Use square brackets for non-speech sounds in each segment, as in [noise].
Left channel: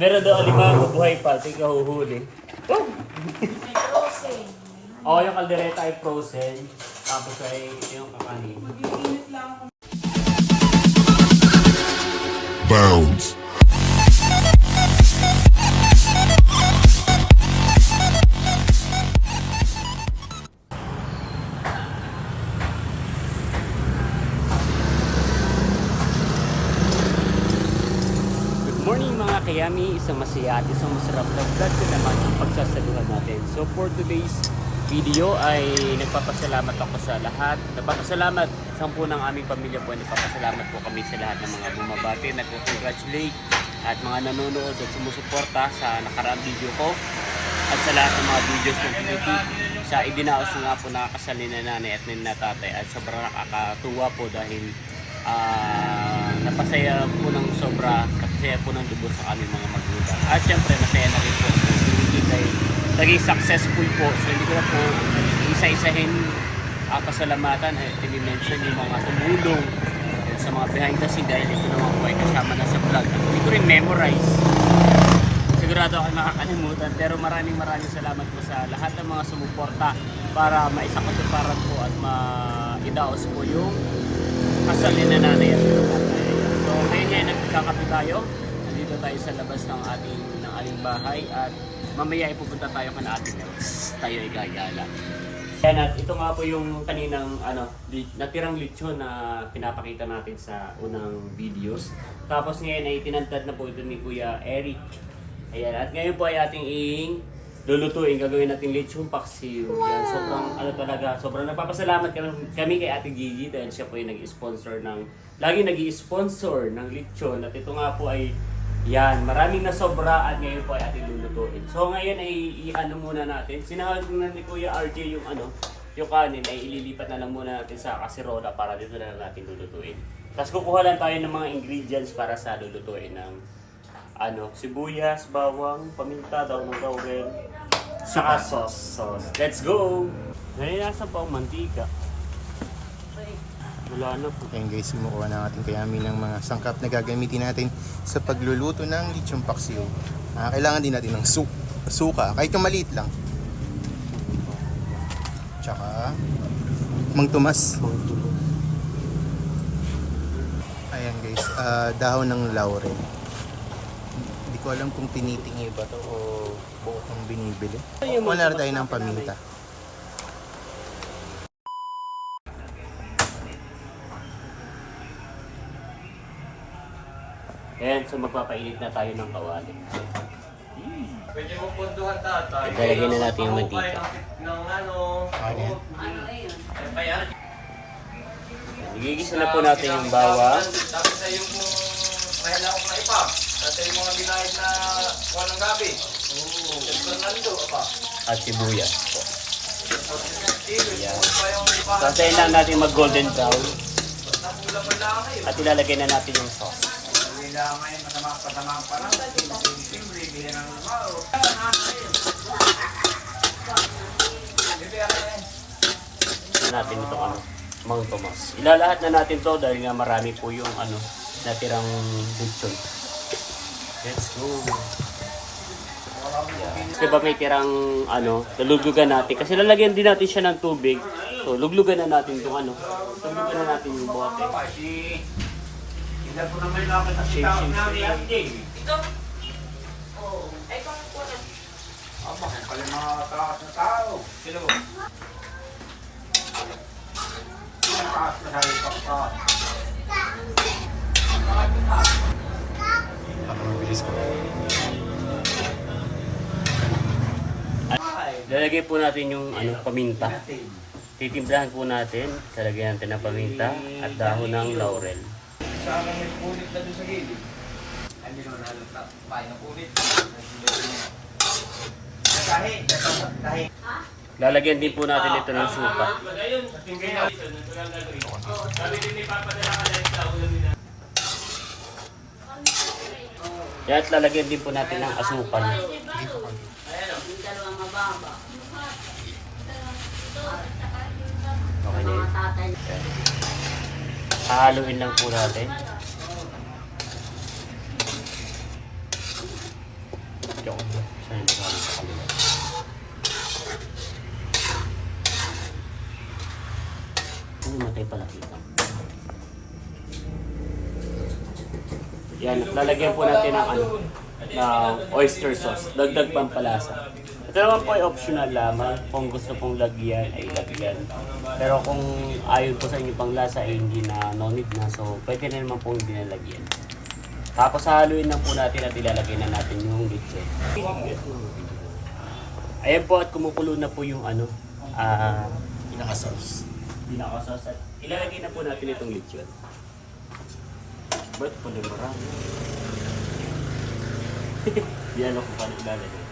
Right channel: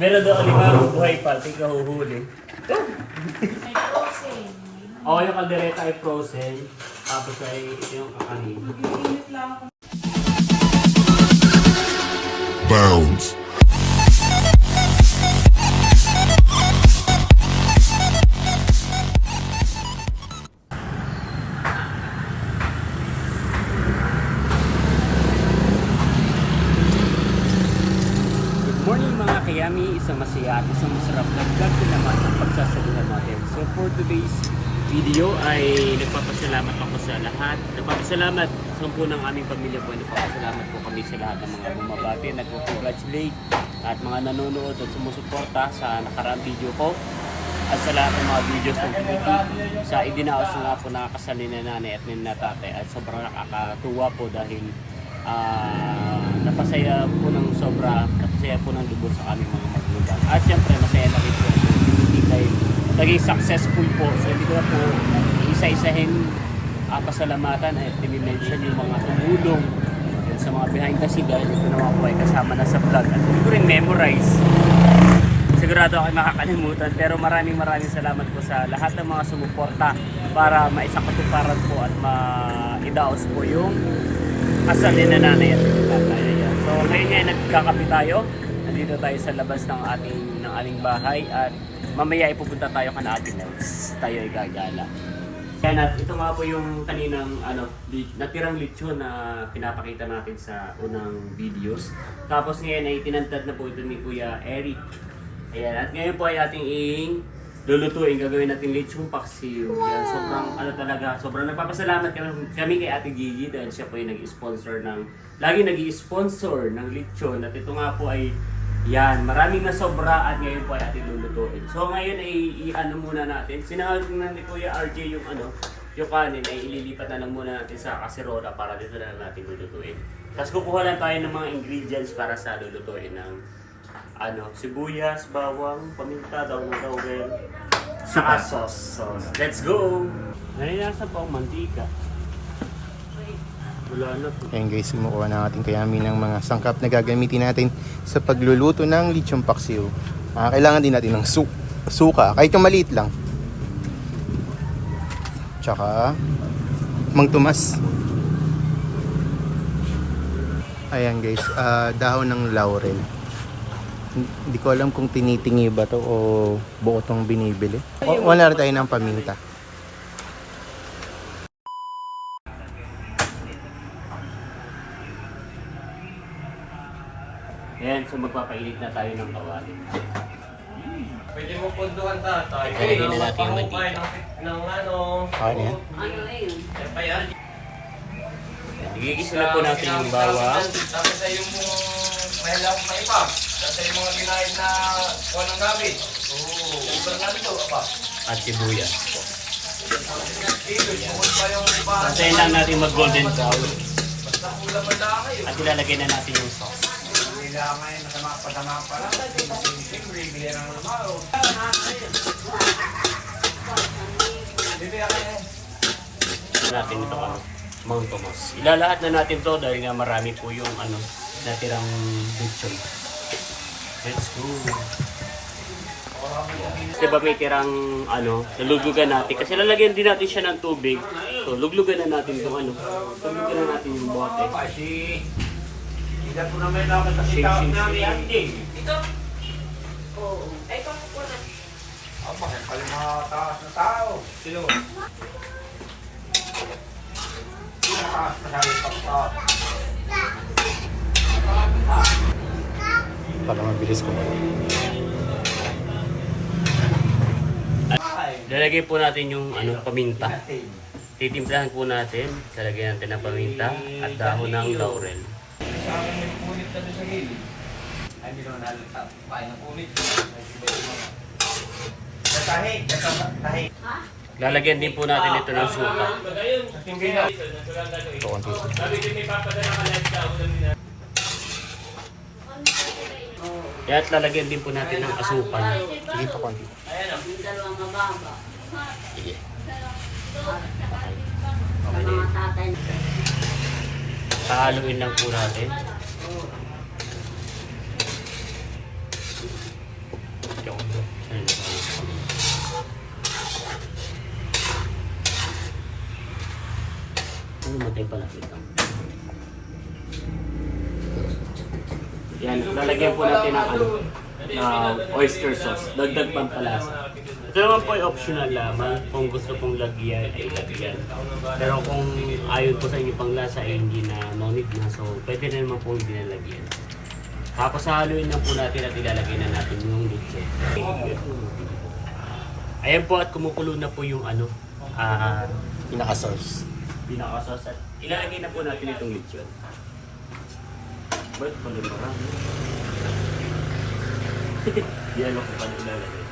Meron daw alimango buhay pa, tika huhuli. Oo, yung kaldereta ay frozen. Tapos ay ito yung kakanin. Bounds. Masaya at isang masarap na vlog ko naman ang pagsasaluhan natin. So for today's video ay nagpapasalamat ako sa lahat. Nagpapasalamat sa po ng aming pamilya po. Nagpapasalamat po kami sa lahat ng mga bumabati, nagpo-congratulate at mga nanonood at sumusuporta sa nakaraang video ko at sa lahat ng mga videos ng tinitik sa idinaos nga po na kasal ni na nanay at ni na tatay at sobrang nakakatuwa po dahil ah, napasaya po ng sobra napasaya po ng lubos sa aming mga magulang. At syempre masaya na rin po tinitik dahil naging successful po. So hindi ko na po isa-isahin ang pasalamatan at tinimension yung mga tumulong sa mga behind the scene dahil ito naman po ay kasama na sa vlog. At hindi ko rin memorize. Sigurado ako makakalimutan. Pero maraming maraming salamat po sa lahat ng mga sumuporta para maisakatuparan po at maidaos po yung kasal ni nanay at tatay. So ngayon nga nagkakapi tayo. Nandito tayo sa labas ng ating ng aling bahay at mamaya ipupunta tayo kana ating Nels. Tayo ay gagala. Yan at ito nga po yung kaninang ano, natirang lechon na pinapakita natin sa unang videos. Tapos ngayon ay tinantad na po ito ni Kuya Eric. Ayan, at ngayon po ay ating ing lulutuin. Gagawin natin lechon paksiw. Yan, sobrang ano talaga, sobrang nagpapasalamat kami, kami kay Ate Gigi dahil siya po yung nag-sponsor ng, lagi nag sponsor ng lechon. At ito nga po ay yan, maraming na sobra at ngayon po ay ating lulutuin. So ngayon ay i-ano muna natin. Sinahal na ni Kuya RJ yung ano, yung kanin ay ililipat na lang muna natin sa kaserola para dito na lang natin lulutuin. Tapos kukuha lang tayo ng mga ingredients para sa lulutuin ng ano, sibuyas, bawang, paminta, daw ng laurel, saka sauce. sauce. Let's go! Nalinasan pa ang mantika. Wala na po. Ayan guys, kumukuha na ating kayami ng mga sangkap na gagamitin natin sa pagluluto ng lechong paksiw. Ah, kailangan din natin ng su suka, kahit yung maliit lang. Tsaka, mang tumas. Ayan guys, ah, dahon ng laurel. Hindi ko alam kung tinitingi ba to o buo tong binibili. O, wala rin tayo ng paminta. Ayan, so magpapainit na tayo ng kawali. Pwede mo punduhan tatay. Ilalagay na natin yung mantika. ng, ano. Ano yan? Kaya yan. Igigisa na po natin yung bawang. Tapos sa yung mahal akong kaipa. Tapos sa yung mga binayad na walang gabi. Oo. Yung namin ito, apa? at sibuyas. Sige, kung pa yung iba. Tantayin lang natin mag golden brown at ilalagay na natin yung sauce. Nila ngayon, masama patama pa lang. Siyempre, na ng yung natin ito ano, Mount Tomas. Ilalahat na natin to dahil nga marami po yung ano, natirang lechon. Let's go. Di ba may tirang ano, lulugan natin. Kasi lalagyan din natin siya ng tubig. So, luglugan na natin itong ano. Luglugan na natin yung bote. Shake, shake, shake. Sino taas na tayo pa? Para mabilis ko. Lalagay po natin yung ano, paminta. Titimplahan po natin. Lalagyan natin ng paminta at dahon ng laurel. Sa akin may punit na doon sa gilid. Ay, hindi naman halata. Kaya ng punit. Tahi, tahi. Lalagyan din po natin ito ng suka. Na. Ito konti. Kaya at lalagyan din po natin ng asukan. Hindi pa konti. Haluin lang po natin. Ano natin pala dito? Yan, lalagyan po natin ng ano, ng oyster sauce. Dagdag pampalasa. Ito naman po ay optional lamang. Kung gusto pong lagyan, ay lagyan. Pero kung ayaw po sa inyo pang lasa, ay hindi na need na. So, pwede na naman po hindi nalagyan. Tapos haluin lang po natin at ilalagay na natin yung leche. Ayan po at kumukulo na po yung ano, ah, Pinaka-sauce. pinakasas at ilalagay na po natin itong lechon. Ba't pala marami? [laughs] Yan ako pa ilalagay.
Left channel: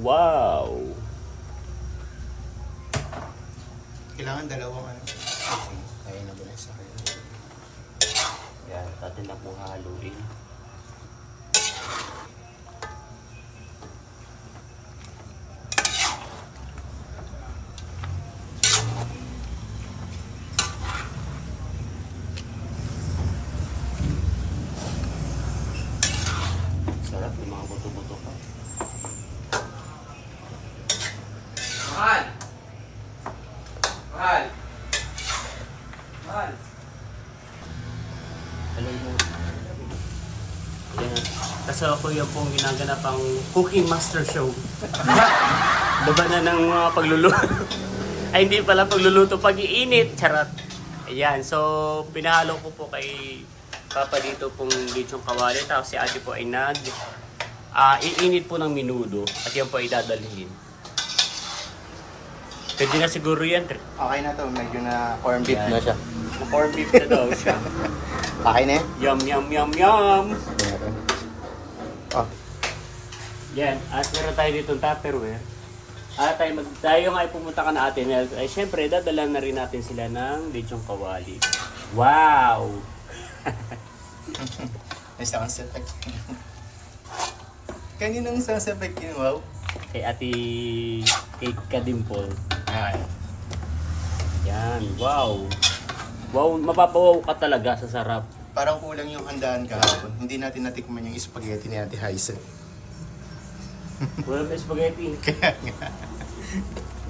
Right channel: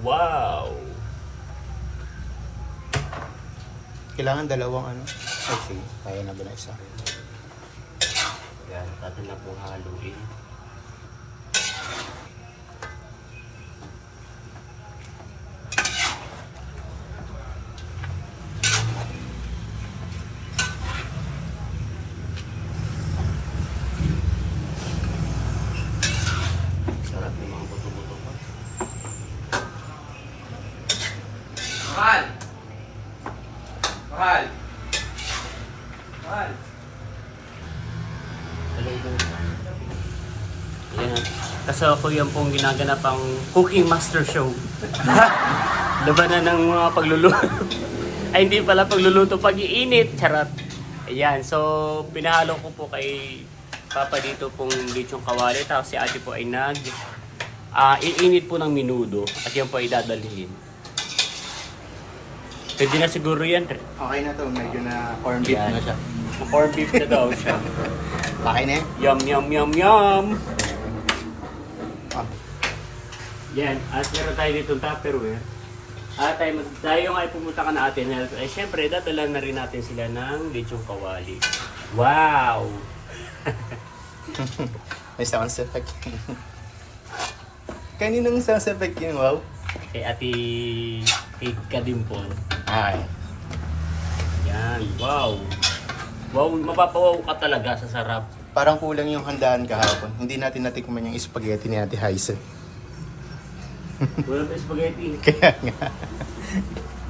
Wow! Kailangan dalawang ano. Ay, sige. Kaya na ba na isa? Yan, atin lang po haluin. Sarap ng mga buto-buto ko. Mahal! Mahal! Mahal! Yan. Kasi ako yan pong ginaganap ang cooking master show. [laughs] Labanan ng mga pagluluto. [laughs] Ay hindi pala pagluluto, pag-iinit. Charot. Ayan, so pinahalo ko po kay Papa dito pong lechong kawali. Tapos si ate po ay nag ah iinit po ng minudo at yan po ay dadalhin. Pwede na siguro yan. Tre. Okay na to. Medyo na corn beef Yan. na siya. Na corned beef na daw siya. [laughs] Okay na eh. Yum, yum, yum, yum! Yan, at meron tayo dito Tupperware. At tayo, mag, tayo nga ay pumunta ka na atin, ay syempre, dadala na rin natin sila ng lechong kawali. Wow! [laughs] May sound effect. Kaninong sound effect yun? Wow. Kay ati Kate Kadimpol. Okay. Yan, wow! Wow, mapapawaw ka talaga sa sarap. Parang kulang yung handaan kahapon. Hindi natin natikman yung spaghetti ni Ate Haisen. Wala pa spaghetti. [laughs] Kaya nga.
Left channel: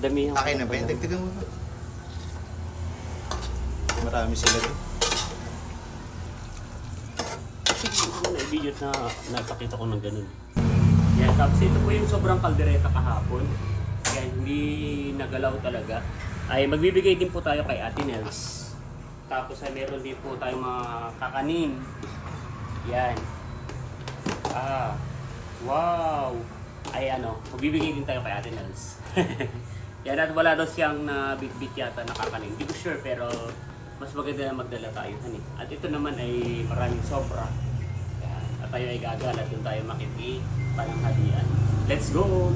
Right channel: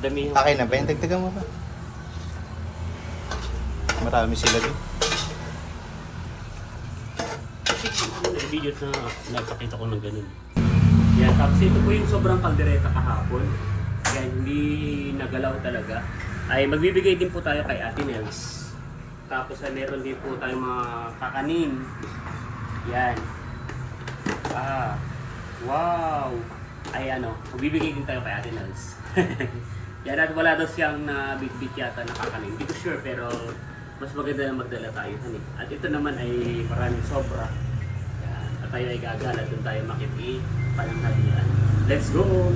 Dami. Okay na ba yan? Dagdagan mo pa. Marami sila doon. video na napakita ko ng ganun. Yan, tapos ito po yung sobrang kaldereta kahapon. Yan, hindi nagalaw talaga. Ay magbibigay din po tayo kay Ate Nels. Tapos ay meron din po tayong mga kakanin. Yan. Ah, wow. Ay ano, magbibigay din tayo kay Ate Nels. [laughs] Yan at wala daw siyang nabitbit yata na kakanin. Hindi ko sure pero mas maganda na magdala tayo. Hani. At ito naman ay maraming sobra. Yan. At tayo ay gagala doon tayo makiti pananghalian. Let's go!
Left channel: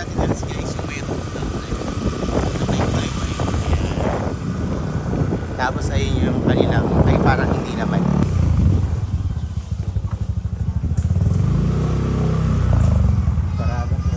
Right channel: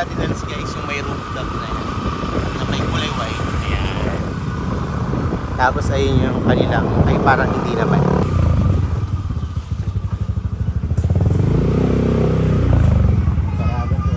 Ate Nels guys, yung may rooftop na yun. Na may kulay Ayan. Tapos ayun yung kanilang, ay parang hindi naman. Parada po.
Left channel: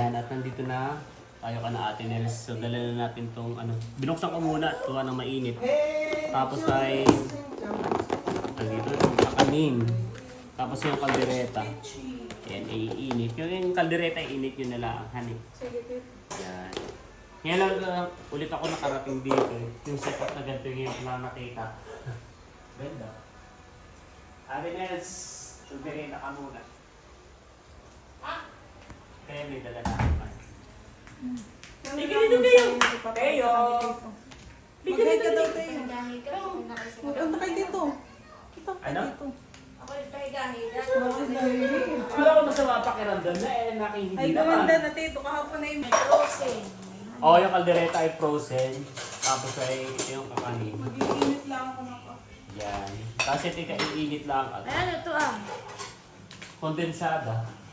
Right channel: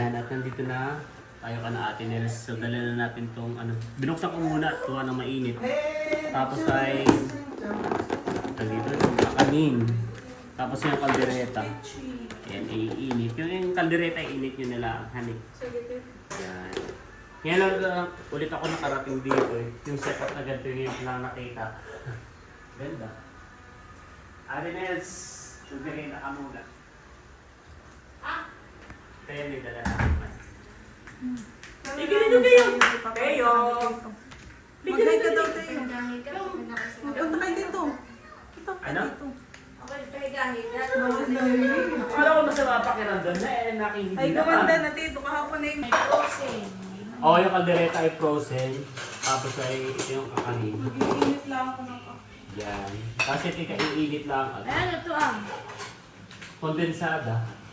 Yan, at nandito na tayo ka na ate Nels. So, dala na natin tong ano. Binuksan ko muna at tuwa ng mainit. Tapos ay ito dito yung kakanin. Tapos yung kaldereta. Yan, iinit. Yung, yung kaldereta, iinit nyo nila ang hanik. Yan. Ngayon lang uh, ulit ako nakarating dito eh. Yung setup na ganito yung lang nakita. [laughs] Ganda. Ate Nels, kaldereta ka muna. Kaya may dala na ako. Tigil nyo kayo! Kayo! Mag-hi ka daw tayo. Pagdahi ka, Punta kayo dito. Ito, Ano? dito. Ako pagdahi na. Wala ko masama pakiramdam na eh, Ay, nakihindi gawanda naman. na tito. Kahapon na yung Frozen. Oo, yung kaldereta ay frozen. Tapos ay ito yung kakanin. Mag-iinit lang ako ng Yan. Tapos ito yung iinit lang Ano to ah?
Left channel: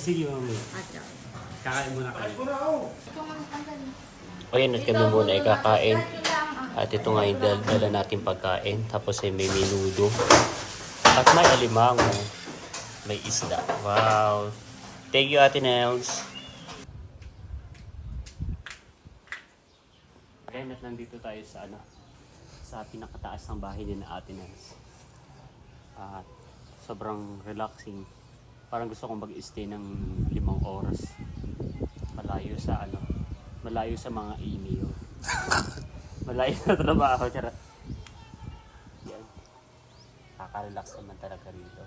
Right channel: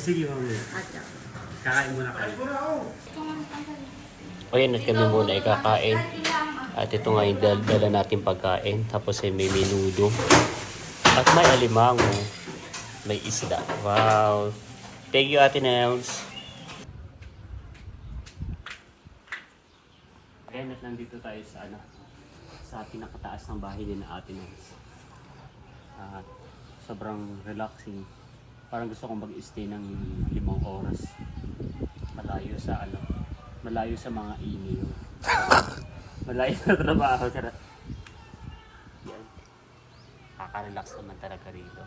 Eh, sige, mami. At ah. Kakain muna kayo. O yun, at kami muna ay kakain. At ito nga yung dal- dala natin pagkain. Tapos ay may menudo. At may alimango. May isda. Wow. Thank you, Ate Nels. Again, at nandito tayo sa ano, sa pinakataas ng bahay din na Ate Nels. At sobrang relaxing. Parang gusto kong mag-stay ng limang oras. Malayo sa ano, malayo sa mga email. [laughs] malayo sa trabaho. Charot. Yan. Nakaka-relax naman talaga rito.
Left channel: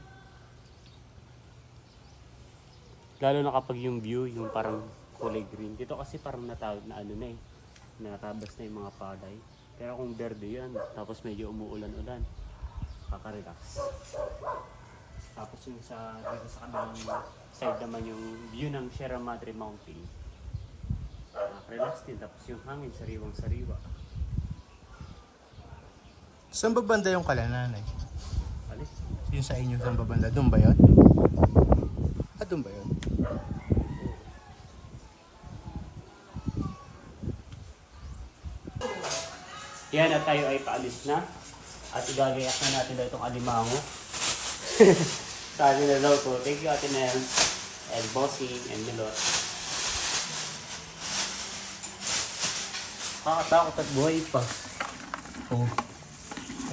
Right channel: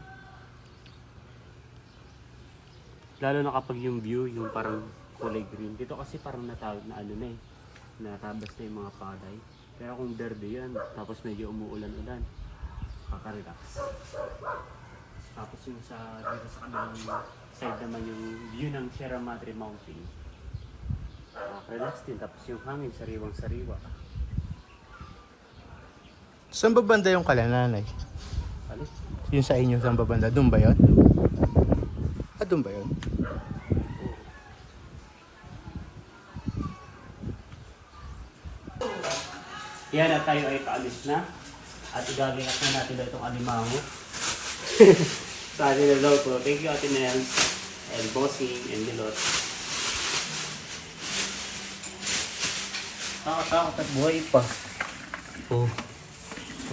Lalo na kapag yung view, yung parang kulay green. Dito kasi parang natawag na ano na eh. Natabas na yung mga palay. Pero kung verde yan, tapos medyo umuulan-ulan, nakaka-relax. Tapos yung sa dito sa kabilang side naman yung view ng Sierra Madre Mountain. Nakaka-relax din. Tapos yung hangin, sariwang-sariwa. Saan ba banda yung kalananay? Alis. Yung sa inyo, saan ba banda? Doon ba yun? Ah, doon ba yun? Yan at tayo ay paalis na. At igagayak na natin daw itong alimango. [laughs] Sabi na daw po, thank you Ate Nel, and Bossing, and Milot. Nakakatakot at buhay pa. Oh.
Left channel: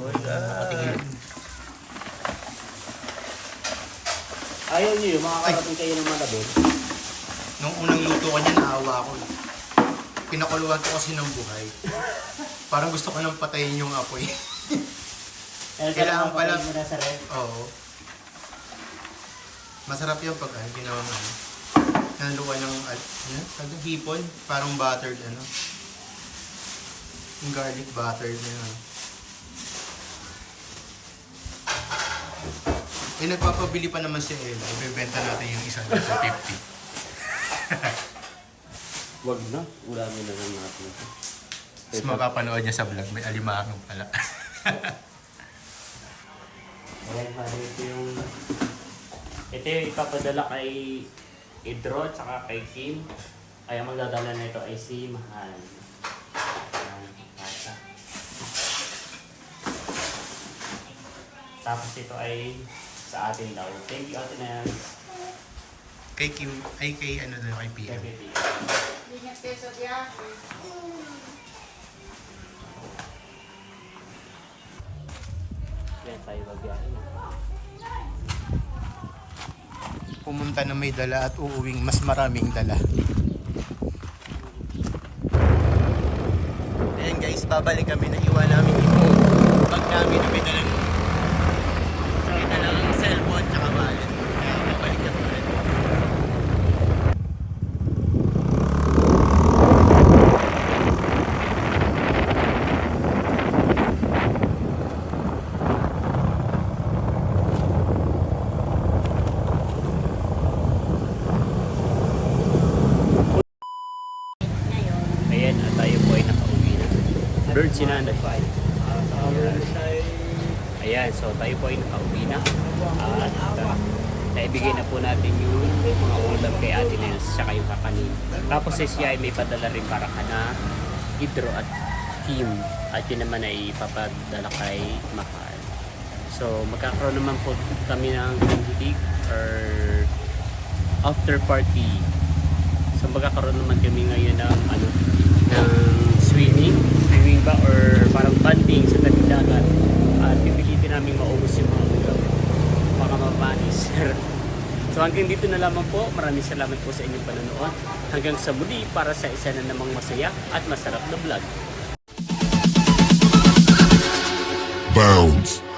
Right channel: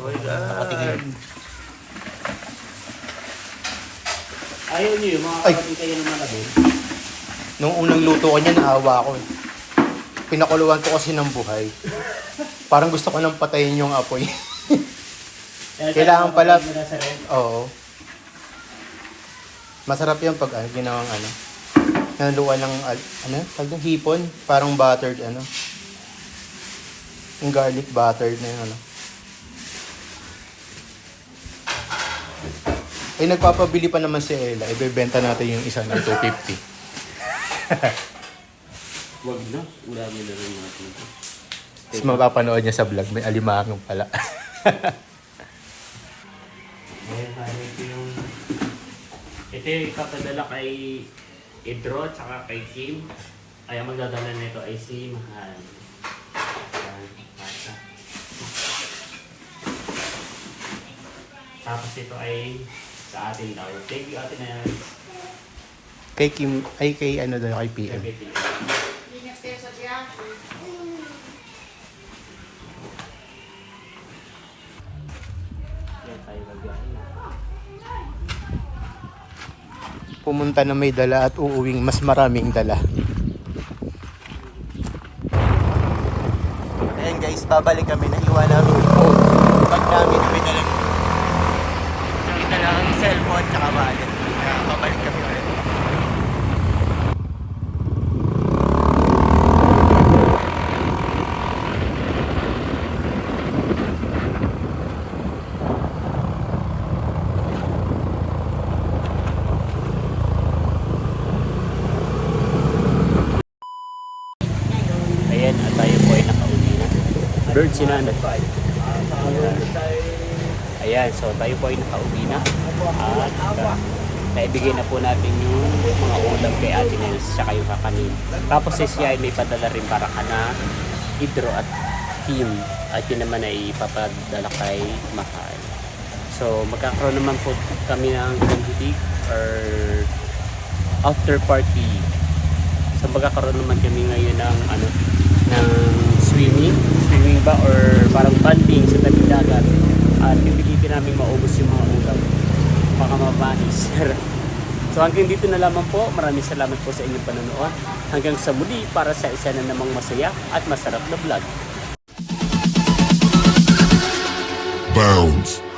Nakatingin. Ayaw niyo yung mga Ay. karating kayo ng malabon. Nung unang luto ko niya, naawa ako eh. Pinakuluan ko kasi ng buhay. Parang gusto ko nang patayin yung apoy. [laughs] Kaya Kailangan pala- na sa. Oo. Masarap yan pag ano, ginawang ano. Naluan ng al- ano, tag hipon, parang buttered ano. Yung garlic buttered na yun ano. Eh nagpapabili pa naman si Ella, ibebenta natin yung isa ng [laughs] 250. Wag na, ulamin na lang natin ito. Tapos mapapanood niya sa vlog, may alimangang pala. Ayan, ito yung... Ito yung ipapadala kay Idro tsaka kay Kim. Ay, ang magdadala nito ay si Mahal. Tapos ito ay sa atin daw. Thank you, Ate Nels. Kay Kim, ay kay ano daw, kay PM. Sa biyahe. Yan tayo magbiyahe na. Pumunta na may dala at uuwing mas maraming dala. Ayan guys, babalik kami na iwan namin phone. Pag namin na may dala may dalang cellphone tsaka wallet. Kaya babalik kami ulit. Ayan, at tayo po ay nakauwi na. Bird si nanay. Ayan. So tayo po ay nakauwi na. At uh, naibigay na po natin yung mga ulam kay Ate Nels tsaka yung kakanin. Tapos si siya ay may padala rin para ka na Hidro at Kim. At yun naman ay ipapadala kay Mahal. So magkakaroon naman po kami ng kandidig or after party So magkakaroon naman kami ngayon ng ano ng swimming, swimming ba or parang banding sa tabing dagat. At pipilitin namin maubos yung mga ulam. Baka mabanis. [laughs] so hanggang dito na lamang po. Maraming salamat po sa inyong panonood. Hanggang sa muli para sa isa na namang masaya at masarap na vlog. Bounds.